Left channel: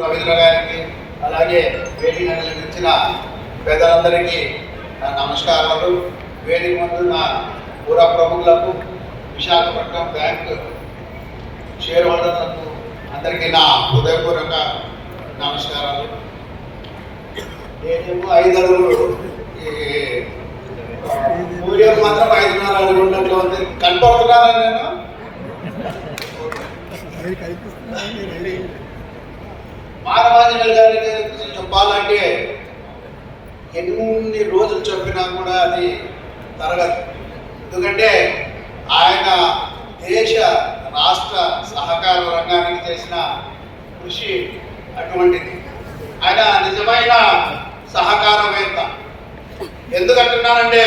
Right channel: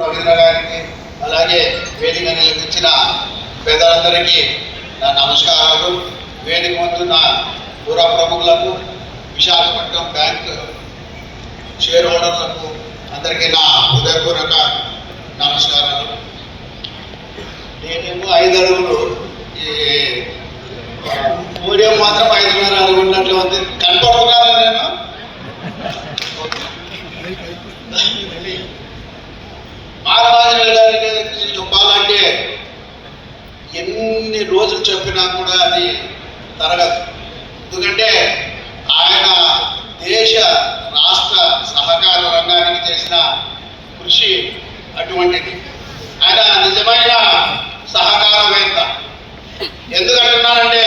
రవీంద్ర గారికి అలాగే వేదిక నిర్మించిన పెద్దలందరికీ నా నమస్కారాలు. వేదిక ముందు నా పుర ప్రముఖులకు, విశాఖపట్నం బ్యాంక్ షేర్ హోల్డర్లకు అందరికీ నా హృదయపూర్వక నమస్కారాలు. నేను 5 అడుగులు, ఈ మీడియం మాత్రం 5.5 అడుగులు ఉన్నట్లు ఉంది. కనపడుతున్నాను నేను. మానవాజనేయులు గారి గురించి చెప్పాలంటే ఎన్ని రోజులు చెప్పినా కూడా అది తరగదు. ఎందుకంటే ఆయన దేశ రాష్ట్ర సహకార రంగానికి చేసిన కృషి అటువంటిది. ఆయన నిజమైన సహకారవేత్త. ఎందుకంటున్నానంటే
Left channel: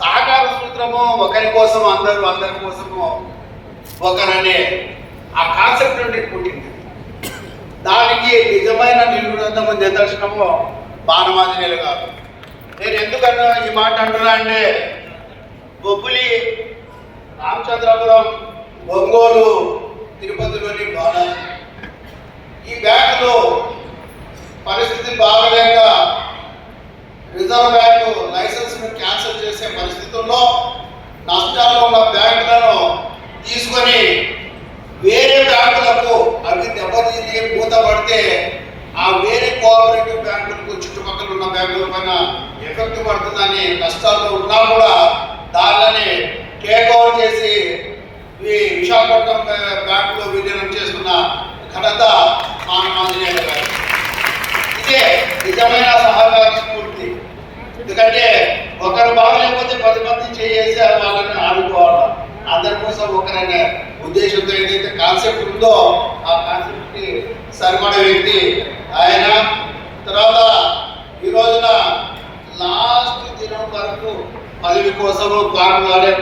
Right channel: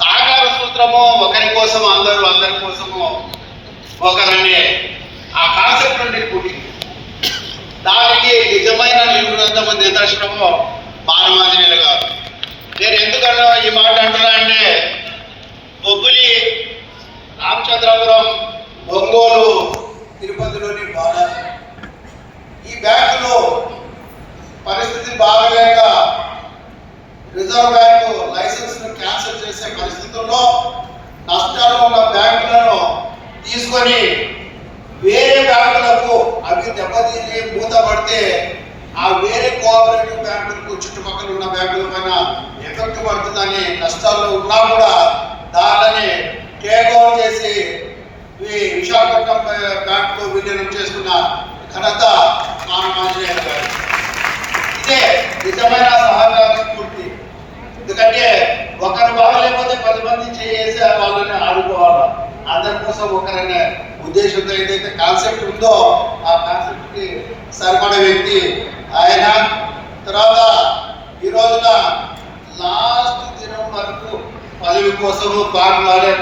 సహకార సూత్రము ఒకరి కోసం అందరూ, అందరి కోసము ఒకరనే ఆ కాన్సెప్ట్ నుండి పుట్టింది. దానికి నిజమైన నిదర్శనము మానవాజనేయులు గారు. నేను ఎందుకన్నా ఈ మాట అంటున్నా అంటే బొబ్బులి, రామచంద్రపురం, ఒంగోలు, తిరుపతిలోని బాలాజీ ఈ బ్యాంకులో పరిస్థితి బాగలేక రిజర్వ్ బ్యాంకు లైసెన్స్ ను క్యాన్సిల్ చేసే పరిస్థితుల్లో నష్టాలు ఉన్న బ్యాంకులను తీసుకొని వేరే బ్యాంకులకు అవి దెబ్బతీసి మూతపడితే ఆ వేరే కోఆపరేటివ్ బ్యాంకులకు చుట్టుపక్కల ఉన్న బ్యాంకుల పైన ఎఫెక్ట్ పడుతుందని నష్టాలు ఉన్నా కూడా దానిని టేక్ ఓవర్ చేసి ఈ విశాఖపట్నం బ్యాంకులో విలీనం చేస్తున్న ఘనత మానవాజనేయులు గారు. ఇదే నిజమైన సహకార స్ఫూర్తి. ఎందుకంటే ఒకరు బాగలేకపోతే 10 మంది చేసి వాళ్ళని ఆడుకోవాలి. అందరి కోసం ఒకరనే ఉద్దేశంతో ఏదైతే కాన్సెప్ట్ ఉందో ఆ కాన్సెప్ట్ కి సరిపడ వ్యక్తి ఆయన. తర్వాత ఈ రోజున లాస్ట్ దినం వరకు పదవి కోసము పాటుపడే